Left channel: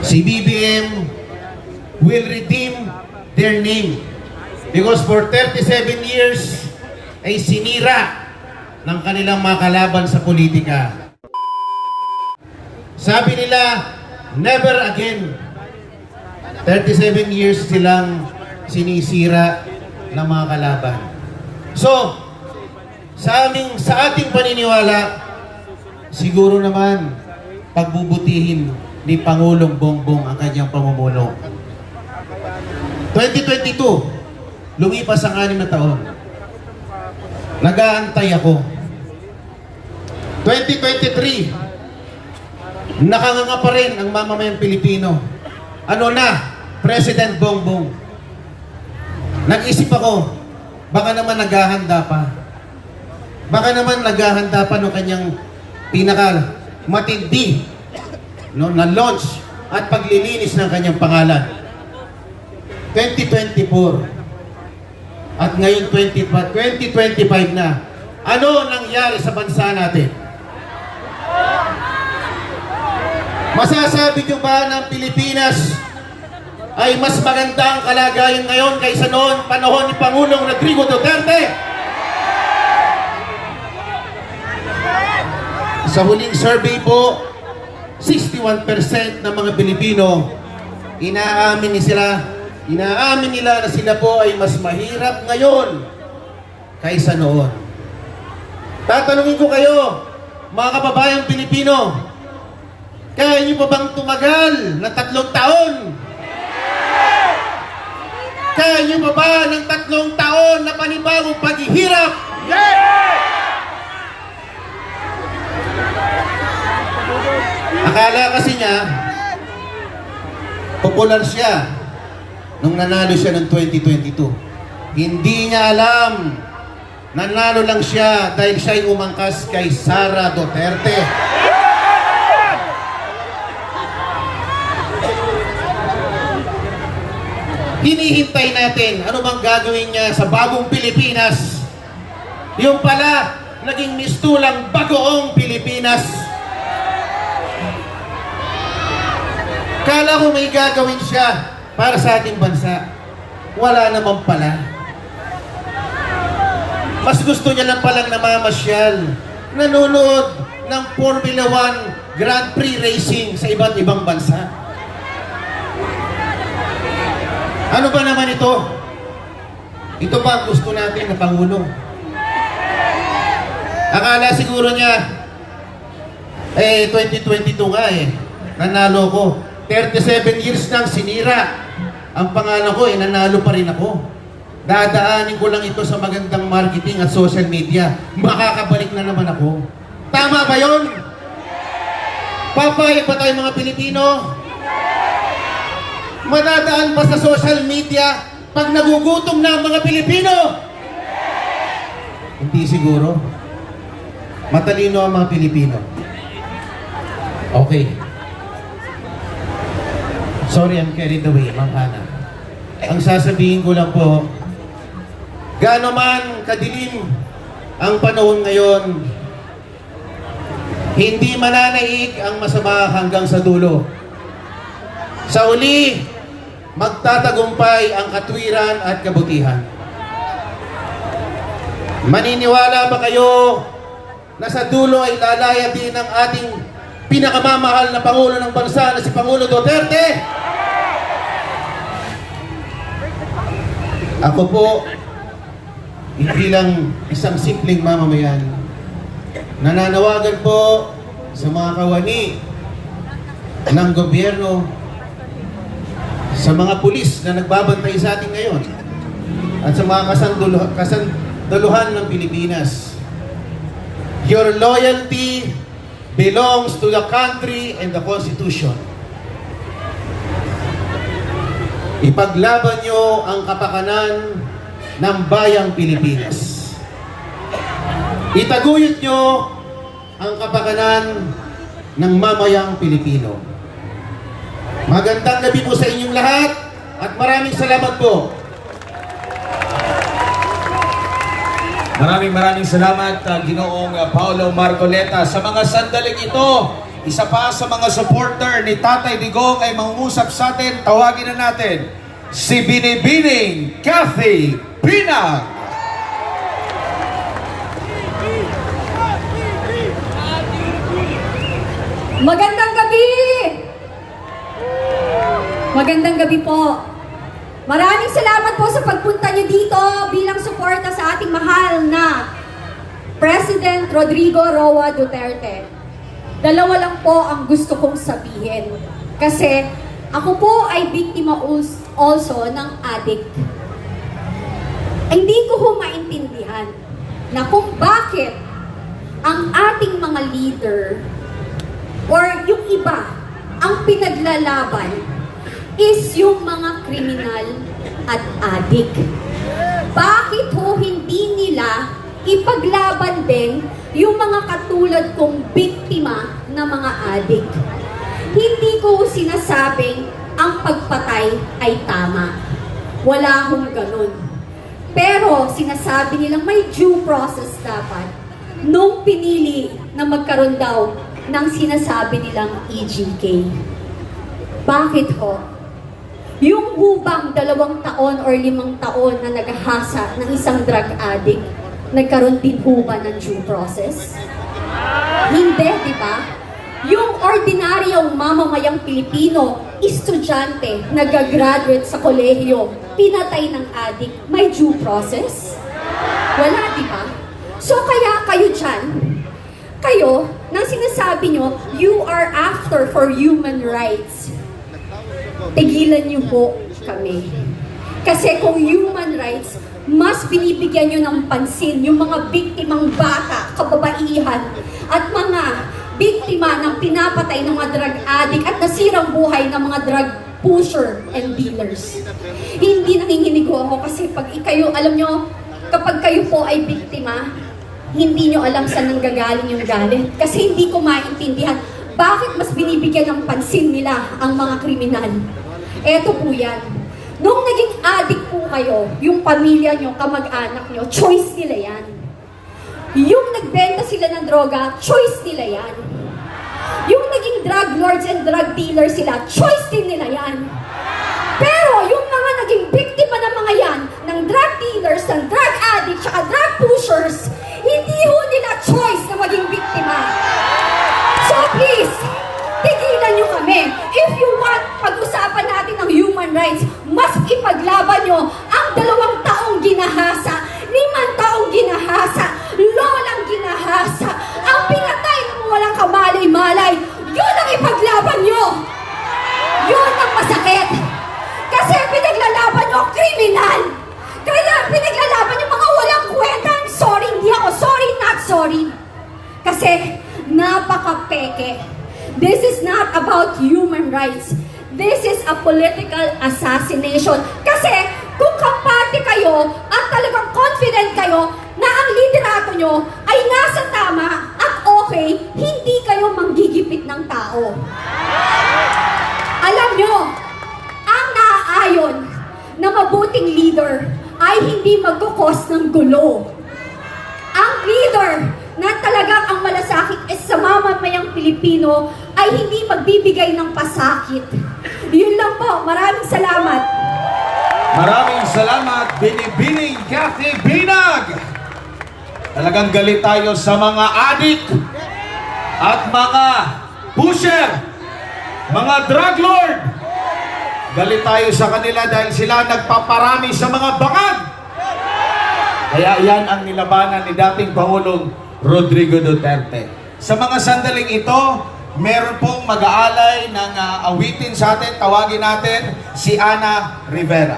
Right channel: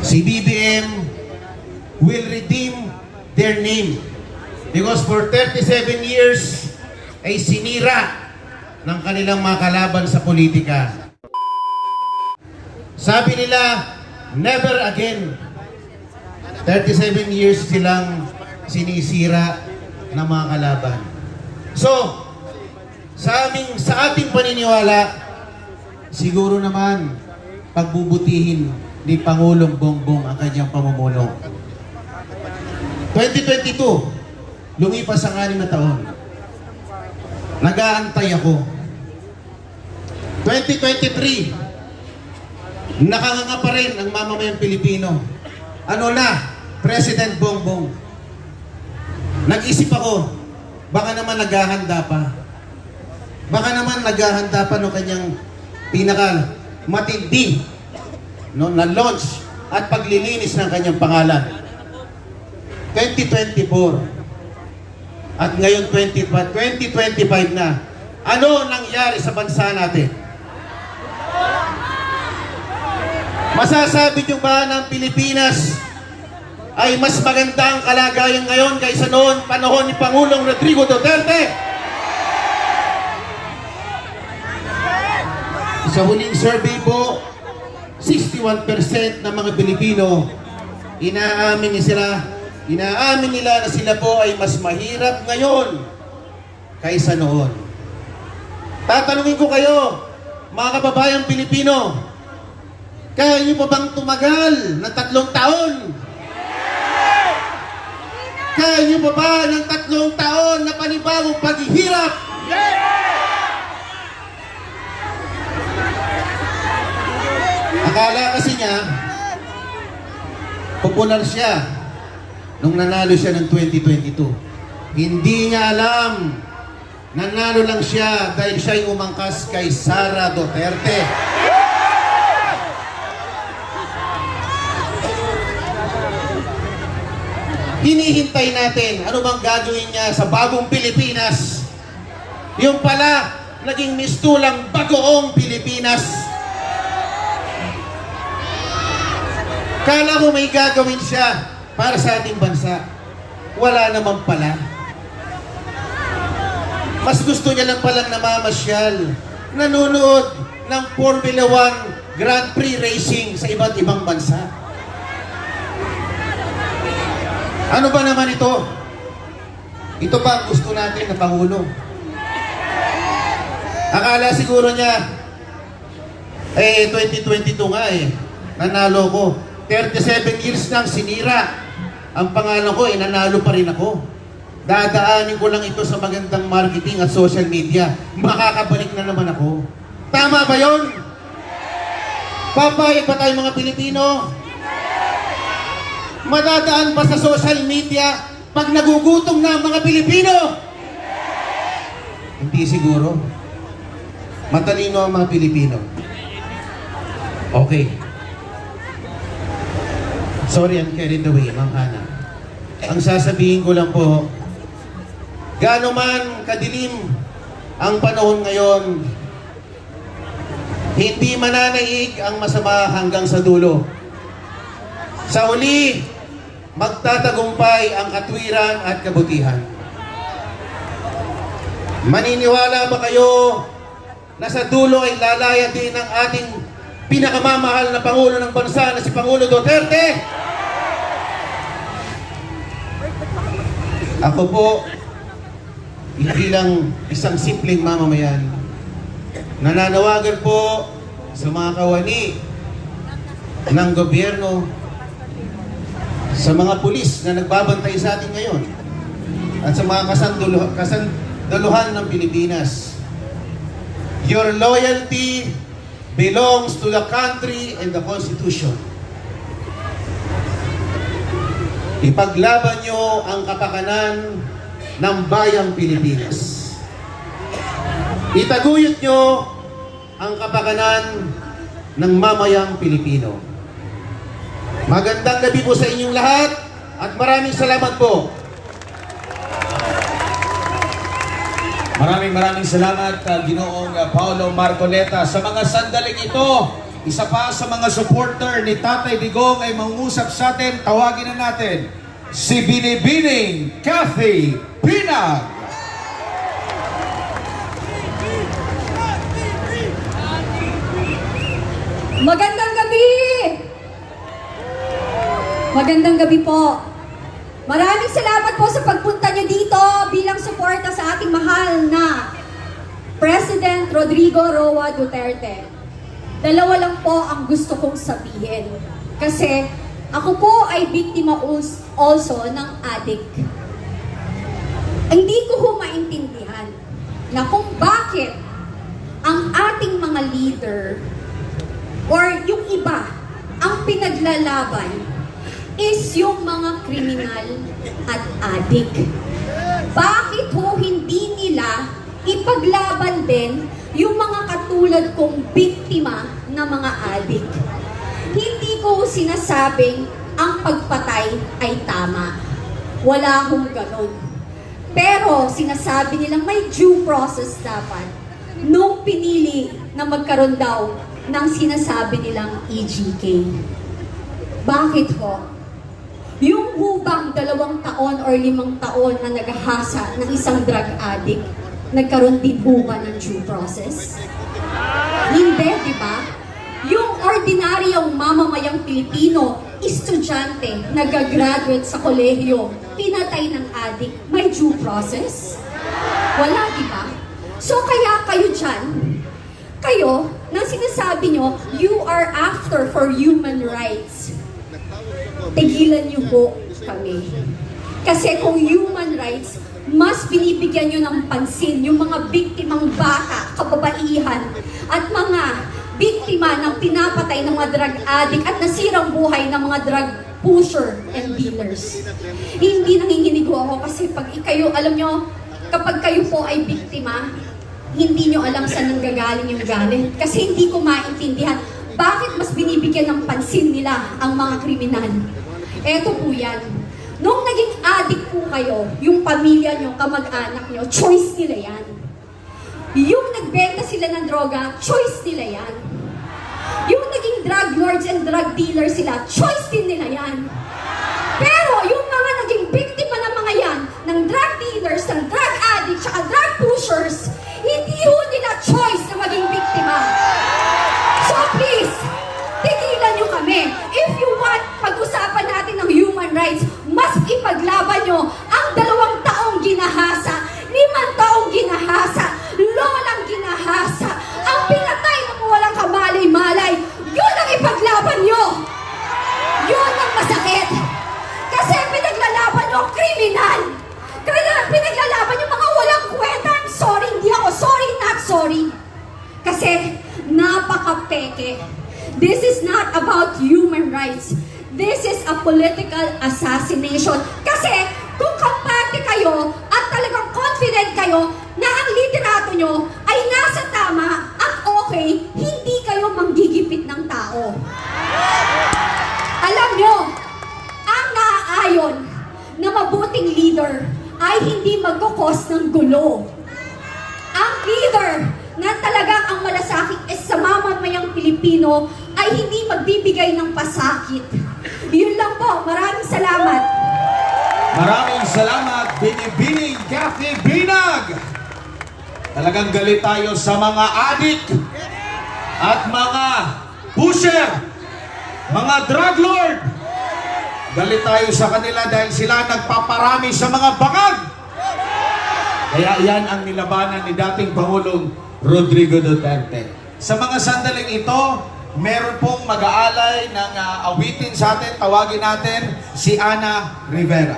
si BBM will redeem their name. Because for 37 years ay sinira ng kanilang mga kalaban sa politika. Sabi nila, never again. 37 years silang sinisira ng mga kalaban. So, sa ating paniniwala, siguro naman pagbubutihin ni Pangulong Bongbong ang kanyang pamumuno. 2022, lumipas ang 6 na taon. Nag-aantay ako. 2023, nakanganga pa rin ang mamamayang Pilipino. Ano na? President Bongbong. Nag-isip ako, baka naman naghahanda pa. Baka naman naghahanda pa ng kanyang pinaka matindi na launch at paglilinis ng kanyang pangalan. 2024. At ngayon 2025 na. Ano nangyari sa bansa natin? Masasabi nyo ba ng Pilipinas ay mas maganda ang kalagayan ngayon kaysa noon panahon ni Pangulong Rodrigo Duterte? Sa huling survey po, 61% ng mga Pilipino inaamin nila na sila po ay mas mahirap ngayon kaysa noon. Tatanungin ko kayo, mga kababayang Pilipino, kaya niyo pa bang tumagal ng 3 taon? Kaya niyo pa ba ng 3 taon na panibagong paghihirap? Akala kasi niya, popular siya nung nanalo siya ng 2022. Hindi niya alam, nanalo lang siya dahil siya'y umangkas kay Sara Duterte. Hinihintay natin, ano bang gagawin niya sa bagong Pilipinas? Yung pala, naging mistulang bagoong Pilipinas. Kala ko may gagawin siya para sa ating bansa. Wala naman pala. Mas gusto niya lang palang namamasyal, nanonood ng Formula 1 Grand Prix racing sa iba't ibang bansa. Ano ba naman ito? Ito ba ang gusto natin na Pangulo? Akala siguro niya, 2022 nga nanalo ko. 37 years nang sinira ang pangalan ko, nanalo pa rin ako. Dadaanin ko lang ito sa magandang marketing at social media. Makakabalik na naman ako. Tama ba yun? Papayag ba tayo mga Pilipino? Madadaan pa sa social media pag nagugutom na ang mga Pilipino? Hindi siguro. Matalino ang mga Pilipino. Okay. Sorry, I'm carried away, Ma'am Hana. Ang sasabihin ko lang po, gaano man kadilim ang panahon ngayon, hindi mananaig ang masama hanggang sa dulo. Sa uli, magtatagumpay ang katwiran at kabutihan. Maniniwala ba kayo na sa dulo ay lalaya din ang ating pinakamamahal na Pangulo ng bansa na si Pangulo Duterte? Ako po, hindi lang isang simpleng mamamayan. Nananawagan po sa mga kawani ng gobyerno, sa mga pulis na nagbabantay sa atin ngayon, at sa mga kasanduluhan ng Pilipinas. Your loyalty belongs to the country and the Constitution. Ipaglaban nyo ang kapakanan ng bayang Pilipinas. Itaguyod nyo ang kapakanan ng mamayang Pilipino. Magandang gabi po sa inyong lahat at maraming salamat po. Maraming salamat, Ginoong Paolo Marcoleta. Sa mga sandaling ito, isa pa sa mga supporter ni Tatay Digong ay mangungusap sa atin. Tawagin na natin si Binibining Kathy Binag. Magandang gabi! Magandang gabi po. Maraming salamat po sa pagpunta niyo dito bilang suporta sa ating mahal na President Rodrigo Roa Duterte. Dalawa lang po ang gusto kong sabihin. Kasi ako po ay biktima also ng addict. Hindi ko ho maintindihan na kung bakit ang ating mga leader or yung iba ang pinaglalaban is yung mga kriminal at addict. Bakit ho hindi nila ipaglaban din yung mga katulad kong biktima na mga addict? Hindi ko sinasabing ang pagpatay ay tama. Wala hong ganun. Pero sinasabi nilang may due process dapat nung pinili na magkaroon daw ng sinasabi nilang EJK. Bakit ho? Yung hubang 2 taon or 5 taon na naghahasa ng isang drug addict, nagkaroon din huba ng due process? Hindi, di ba? Yung ordinaryong mamamayang Pilipino, estudyante, nag-graduate sa kolehiyo, pinatay ng addict, may due process? Wala, di ba? So kaya kayo dyan, kayo, nang sinasabi nyo, you are after for human rights. Tigilan niyo po kami. Kasi kung human rights, mas binibigyan niyo ng pansin yung mga biktimang bata, kababaihan, at mga biktima ng pinapatay ng mga drug addict at nasirang buhay ng mga drug pusher and dealers. Hindi nanginginig ako kasi pag kayo, alam nyo, kapag kayo po ay biktima, hindi nyo alam saan nanggagaling yung galit. Kasi hindi ko maintindihan bakit mas binibigyan ng pansin nila ang mga kriminal. Eto po yan. Nung naging addict po kayo, yung pamilya nyo, kamag-anak nyo, choice nila yan. Yung nagbenta sila ng droga, choice nila yan. Yung naging drug lords and drug dealers sila, choice din nila yan. Pero yung mga naging biktima ng mga yan, ng drug dealers, ng drug addicts, at drug pushers, hindi ho nila choice na maging biktima. So please, tigilan nyo kami. If you want, pag-usapan natin ng human rights, mas ipaglaban nyo ang 2 taong ginahasa, 5 taong ginahasa, lolang ginahasa, ang pinatay ng walang kamalay-malay. Yun ang ipaglaban nyo. Yun ang masakit. Kasi pinaglalaban nyo ang kriminal. Kaya pinaglalaban nyo mga walang kwenta. I'm sorry, hindi ako sorry, not sorry. Kasi napaka-peke. This is not about human rights. This is a political assassination. Kasi kung kampante kayo at talagang confident kayo na ang liderato nyo ay nasa tama at okay, hindi kayo manggigipit ng tao. Alam nyo, ang naaayon na mabuting leader ay hindi magkukos ng gulo. Ang leader na talagang ang malasakit is sa mamamayang Pilipino ay hindi magbibigay ng pasakit. Yun lang po. Maraming salamat. Maraming salamat, Binibining Kathy Binag. Talagang galit tayo sa mga addict at mga pusher, mga drug lord. Galit tayo sa kanila dahil sila nagpaparami sa mga bangag. Kaya yan ang nilabanan ni dating Pangulong Rodrigo Duterte. Sa mga sandaling ito, meron pong mag-aalay ng awitin sa atin. Tawagin natin si Ana Rivera.